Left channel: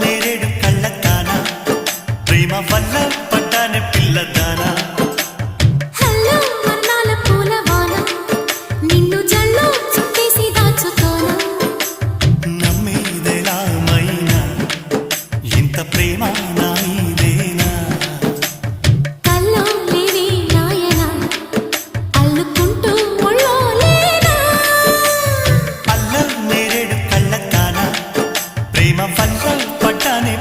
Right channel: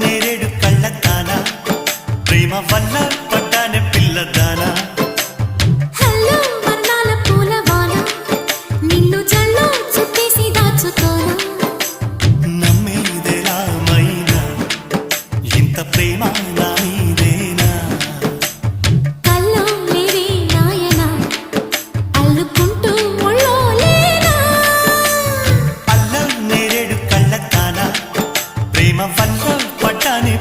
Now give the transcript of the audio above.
నేరేడు కళ్ళతానా ప్రేమ వల్ల పడ్డానే పిల్లదానా హలో వర్ణాల పూలవాన నిన్ను జల్లో చుట్టేసి దాచుకోనా నమ్మేదెలా మైనా ఇంత ప్రేమ నా మీదేనా కల్లో లేవే నాయనా అల్లుకుంటూ ఒళ్ళో లేనా అల్ల నేరేడు కళ్ళతానా ప్రేమ వల్ల పడ్డానే